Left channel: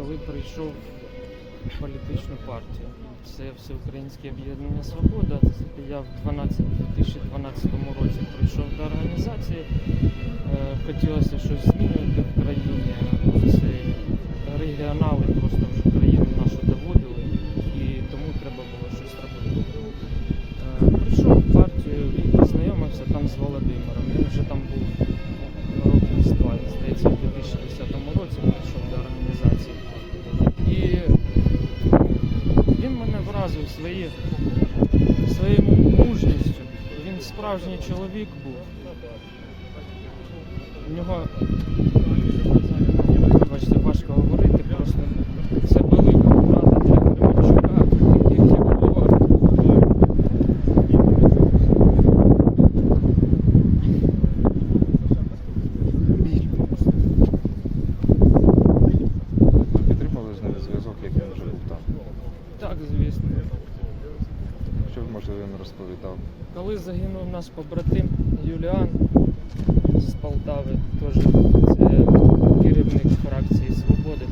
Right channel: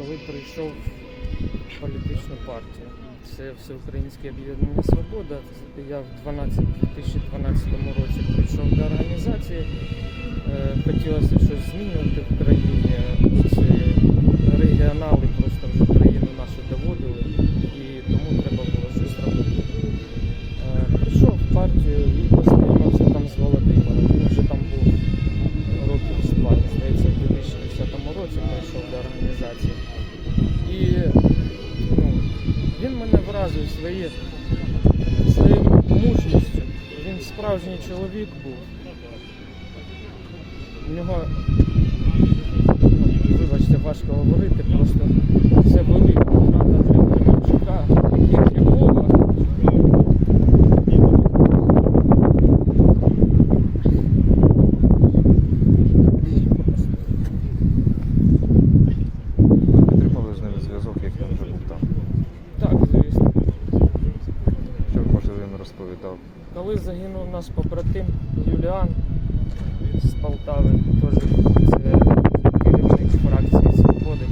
коли прийшов в політичну партію. Це Всеукраїнське об'єднання Свобода. Я в 12, 2012 році прийшов до організації. Е, Хотілося щось змінювати в країні. Ці регіонали просто вже країну нашу доводили, і тому треба було щось робити. Е, Прийшов в партію і познайомився там з Володимиром. Він вже там був років з два, здається, в 2010 році прийшов до організації. Мене своє, своєю мужністю. Він справжній чоловік був. У нього, вибачте, важко говорити, просто це велика втрата для Кременчука, як Львова. Підтримали з ними зв'язок, як він вже був там. Так, звісно. Що може він розповідав? Коли наш побратим Юліан з Полтави, теж це керівник фракції Свободи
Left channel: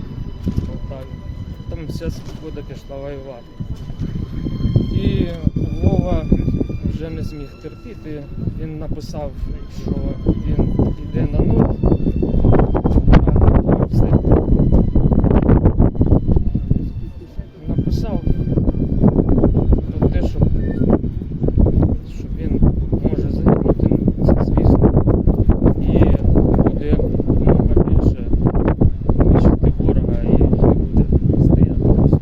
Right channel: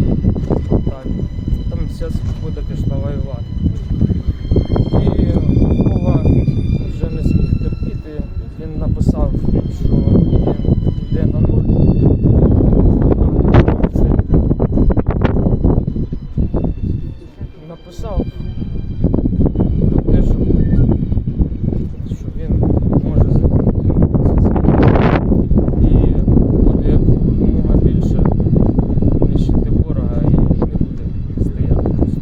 в Полтаві. Там вся свобода пішла воювати. І Вова вже не зміг терпіти. Він написав, що він йде на нуль. Це Написав про те, щоб що він може загинути це звісно і буде якомога більше нищити ворога і не буде стояти просто.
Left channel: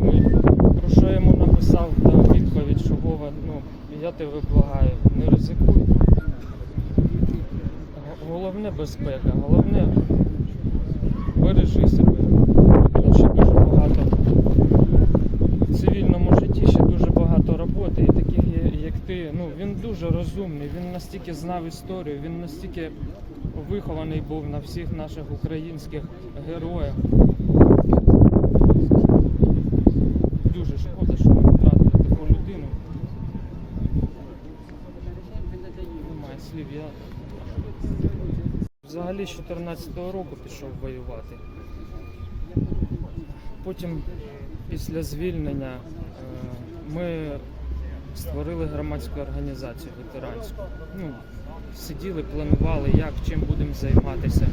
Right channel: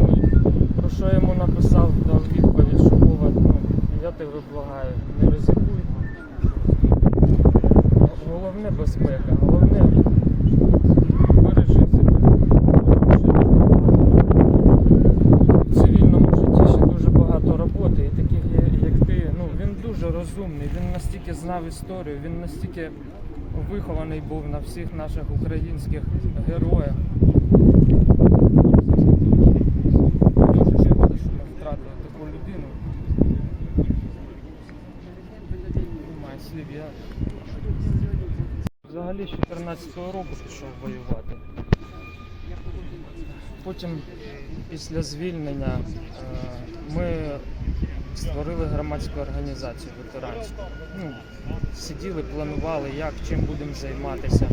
Ну, і про що я йому написав дав відповідь, що Вова, ну я тебе благаю, не ризикуй. Г- Головне безпека, головне бережи себе. Тому що дуже багато в цивільному житті ще дуже багато роботи, і таких є- як ти, ну він дуже розумний, він настільки знав історію, він настільки вихований був на всіх наших українських героях. Дуже шкода, що ми втратили таку людину. Немає слів. Я взагалі з 14-го року пішов воювати. Потім, після звільнення, е, ми створили громадську організацію ветеранську. Ну, сиділи, планували, як, чим будемо займатися.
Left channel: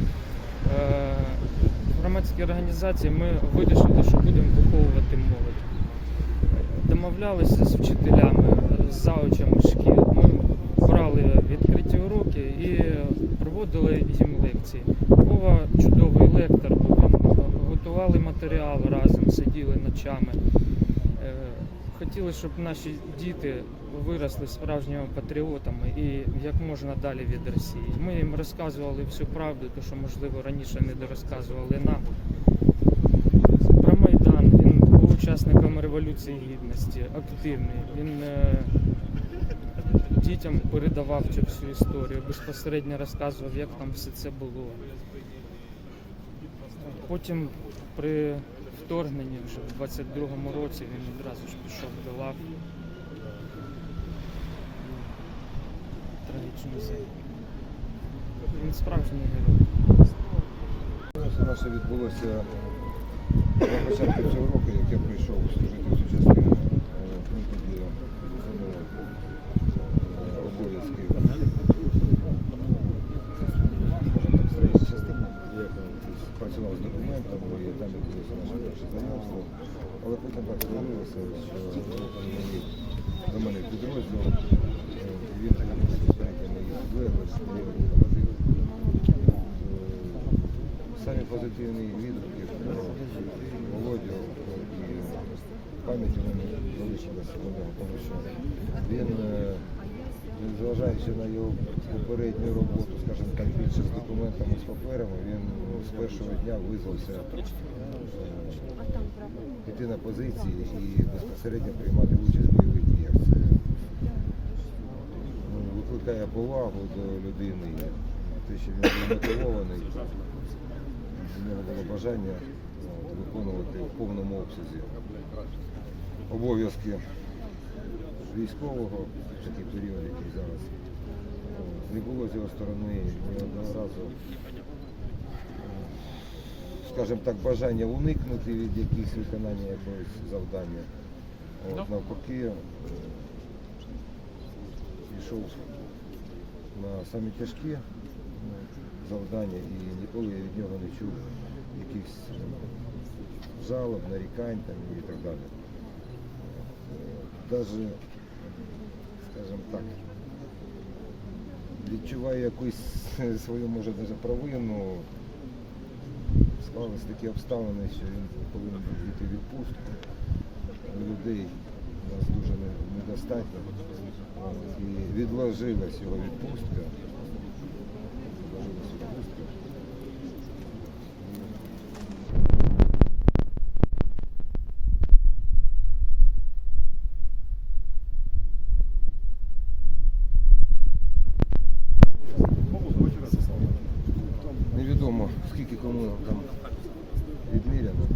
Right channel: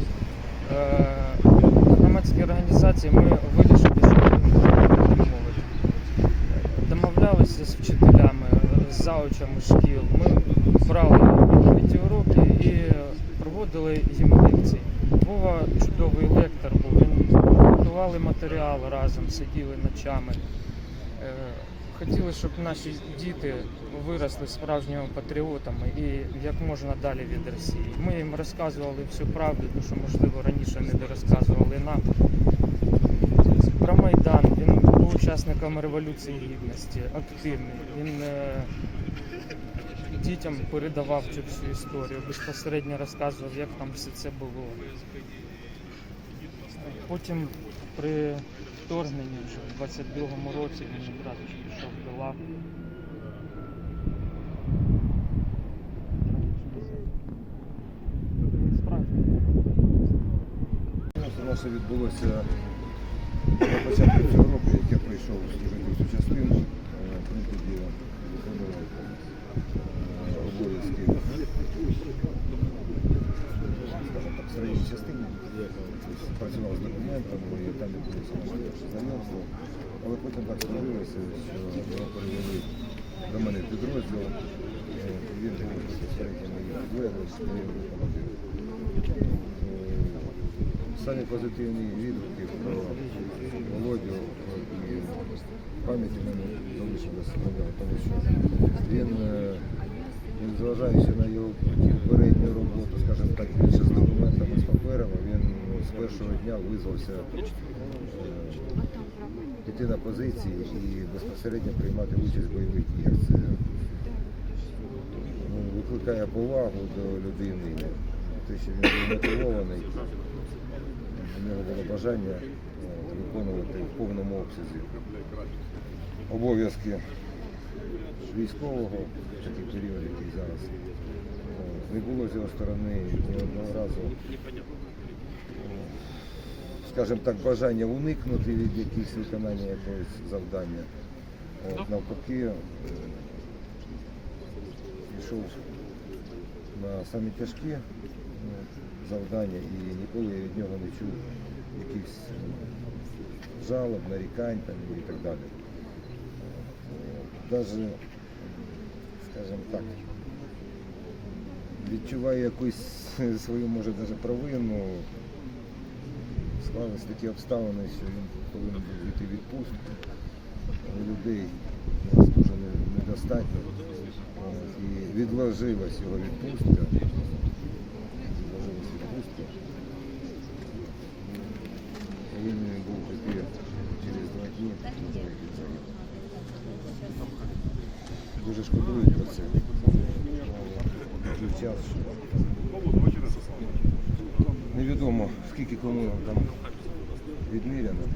Е, В громадській організації ми вирішили, що будемо виховувати молодь. Домовлялися з вчителями, з заучами шкіл. Ми брали проводили лекції. Вова чудовий лектор був. Готували матеріал разом, сиділи ночами. Е, Хотіли, щоб наші діти виросли справжніми патріотами і як можна далі від Росії. Ми їм розказували всю правду, тому що, можливо, раніше не дорозказували нам. Про Майдан він був учасником Революції Гідності, активний. Він е, дітям передавав цю всю історію, безпосередньо розказував, як там все це було. Потім при вторгненні вже в 22-му році він одразу ж пішов до лав. Він справжній герой. Це наше відбулося на початку цього року, як я прийшов служити в цю частину, ми тоді виконував е, обов'язки, скажімо так, в строїчній частині. Працював з документами і там відбулося наше перше знайомство. Але потім так сложилося, що його перевели до мене в підрозділ. Е, і Він був безпосередньо моїм підлеглим, я його був командиром. Е, Самі позитивні відгуки про Володю і пам'ять у мене залишилася на нього, тому що він, е, незважаючи на його попередню роботу, скажімо так, більше з документами, з паперами, він з першого дня визвався е, йти на позиції і безпосередньо приймати участь в бойових діях. Це ну, викликає повагу до людини, те, що він був мотивований. У нього було бажання е, виконувати в повному обсязі обов'язки військового такий період, який зараз. Е, Не було з його сторони ні одного разу е, скажімо так, бажання уникнути від якихось виконання якогось завдання. От, навпаки, е, пішов на самі тяжкі завдання і ніколи я від нього не чув якихось жалоб, нарікань там, і так далі. Навіть, скажімо так, відчуваю якусь свою, може, навіть провину. Склались такі обставини, що він повинен йти відпустку. Людей у нас дуже недостатньо. І відложилась його відпустка. Відложилась відпустка. І він тепер через два дні. Дуже шкодую про це. Той час, що невідомо скільки кому там відміряно,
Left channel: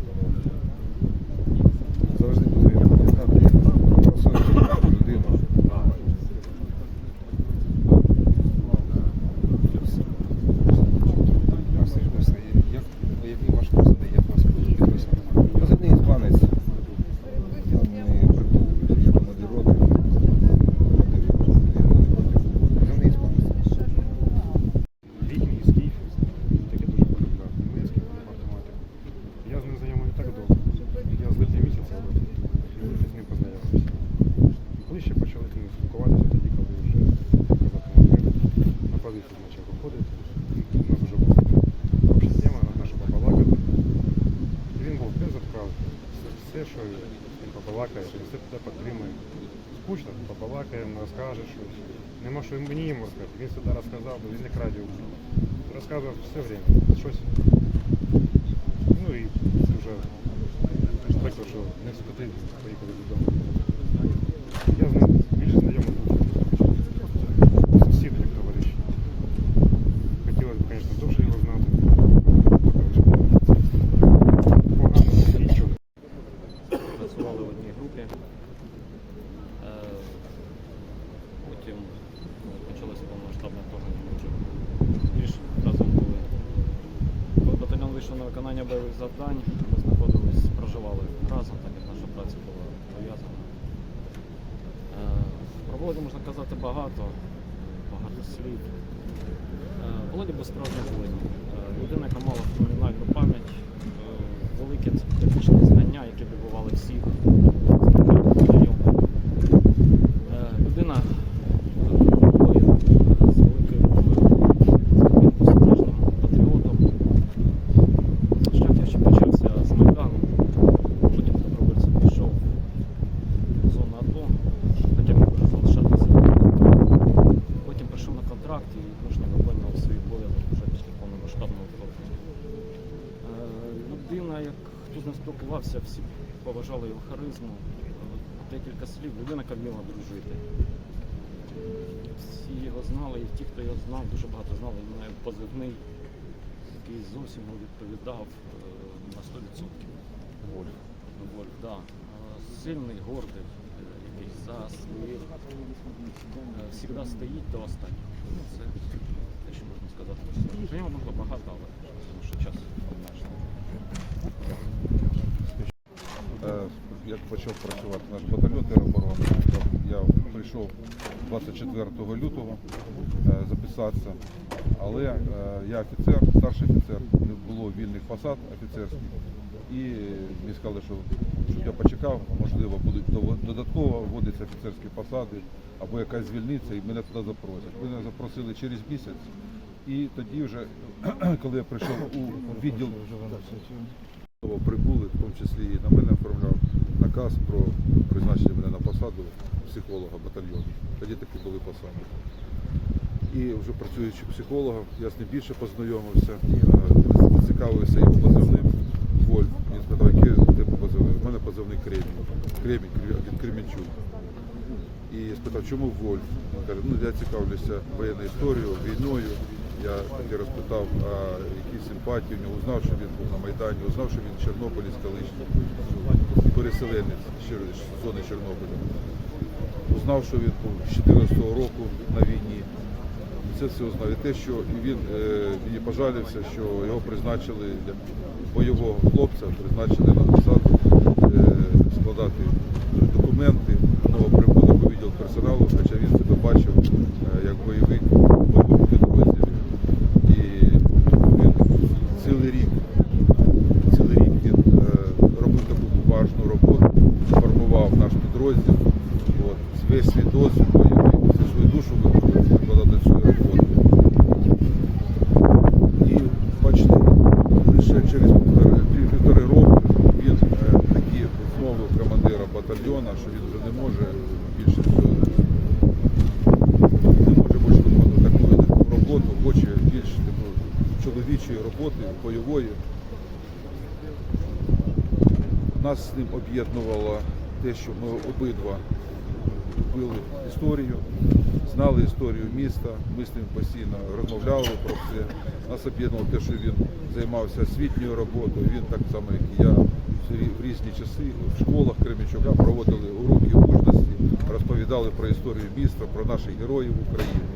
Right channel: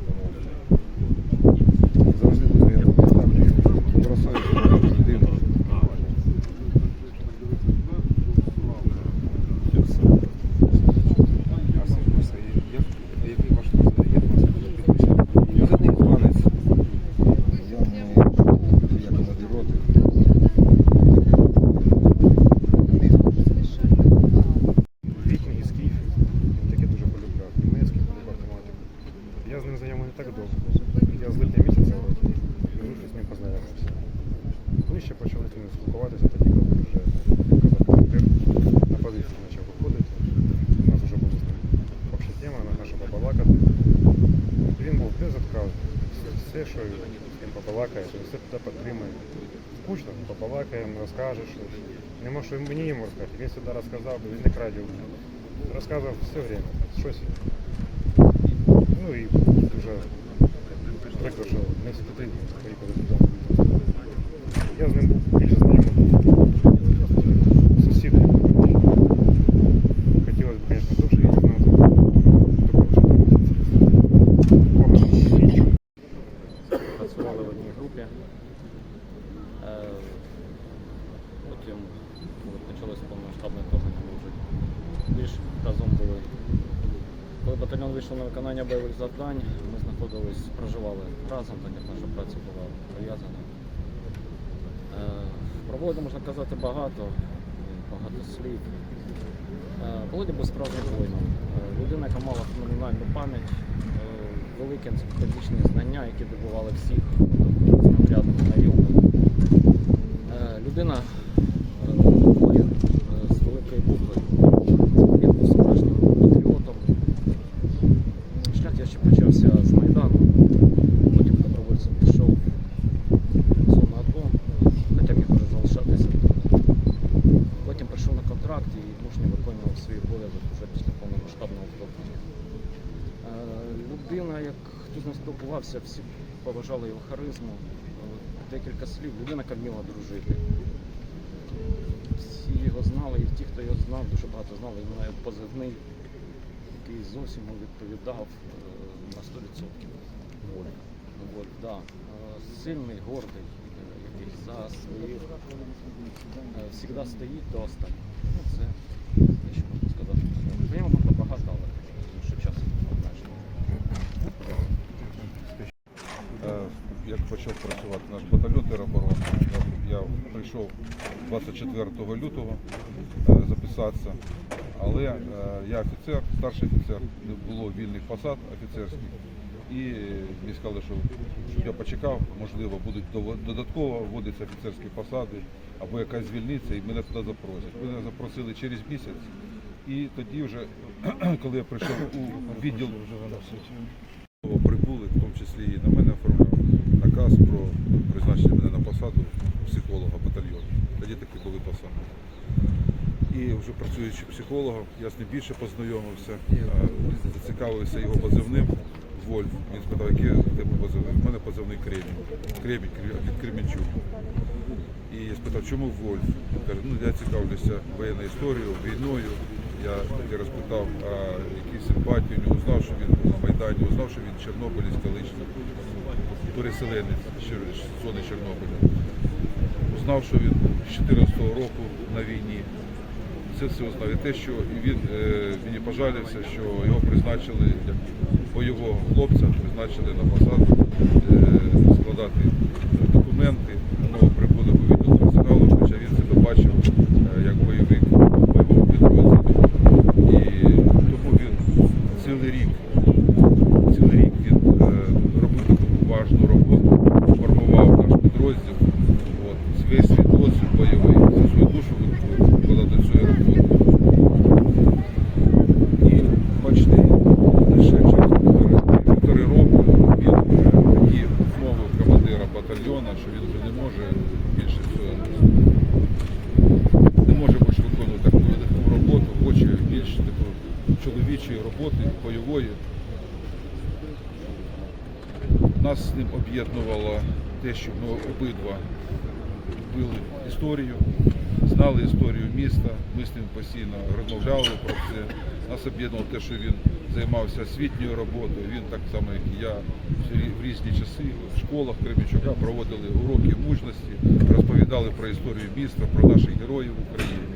Все, все, що з ким побалакаєш, він все тебе підтримує. Скучно, побалакаємо, розкаже щось. Нема що мені йому розказати. Він сюди розказав, бо він не крадів. Розказував все время. Щось. Ну і дуже прикро, що не встигли поїхати додому. Я Вийшов на виконання бойових завдань, ми знаходились, проживали разом, так як наша праця була пов'язана. Е, Про Володю можна казати багато, е, багато слів. Е, Володя був справжнім воїном. Людина, яка мала феноменальну пам'ять, великі енциклопедичні знання, які добували всіх знайомих, Людина е, воїн е, з великої букви. Він був справжнім патріотом. Шлях я ще почався з Майдану, потім добровольцем пішов в зону АТО, хоча міг вже залишатися тут. Потім прийшов на контракт і мужньо виконував свій обов'язок вже після повномасштабного вторгнення. Е, Людина, як хто з ним спілкувався, всі поважали його харизму. Е, Декілька слів, людина, яка вміла дружити. Всі його знали, і ті, хто його знав, дуже багато знали. Він має позивний, який зовсім відповідав е, на 100%. Вольф. Вольф, да. Е, Сильний, гордий, який за своїх завжди стоїть до останнього. Ну, це те, що можна сказати. Про нього можна багато, але тому що час обмежений. Е, Як почав працювати наш батальйон тероборони, я прийшов 24 лютого е, записатися, але е, я офіцер, старший офіцер, не було вільних посад офіцерських. І мені сказали, що щоб я почекав, можливо, будуть додатково вводитися офіцерські посади або якась звільниться, і мене туди запросять. Мене запросили через місяць. І тоді вже, коли я прийшов у відділ прибули, в тому числі і на мене оформляв наказ про призначення мене на посаду психолога батальйону. Тоді такі були посади. І вже працюючи психологом, я з ним більше познайомився, е, зацікавився його позивним Вольф. Він спитав, який у тебе позивний? У мене позивний Кремінь. Кремінь від Кремінчук. І я спитав, чому Вольф? Він каже, ну я цікавлюся воєнною історією, війною. Я тоді розпитав, а які симпатії у нього, узнав, що він був на Майдані, узнав, що він Чорнобилець колишній, переселенець з зони Чорнобиля. Узнав, що він був з 14-го року на війні. це все знав. І те, що він е, мені пожалився, що його призначили як бойового хлопця, призначили на посаду е, складати документи на новоприбулих у відділ персоналу, хоча він себе бачив е, як бойовик в бойовому підрозділі. І тому він цілий рік, цілий рік він е, робив таку важну роботу, формував наш підрозділ. От, весь свій досвід бойовий, всю свою душу викладав до цієї роботи. І бачите, лише через півтори, півтори року він е, такі вмовив командира батальйона, що він вже не може більше цього не може більше виконувати таку роботу, хоче більш такої чоловічої роботи, бойової. Нас з ним об'єднувало те, що ми обидва любили історію, знали історію міста, ми з ним постійно розмовляли про це. Нас об'єднувало те, що він займався освітньою роботою. Він так само, як і я, в різні часи в школах Кременчука проводили уроки мужності, розповідали про історію міста, про наших героїв України.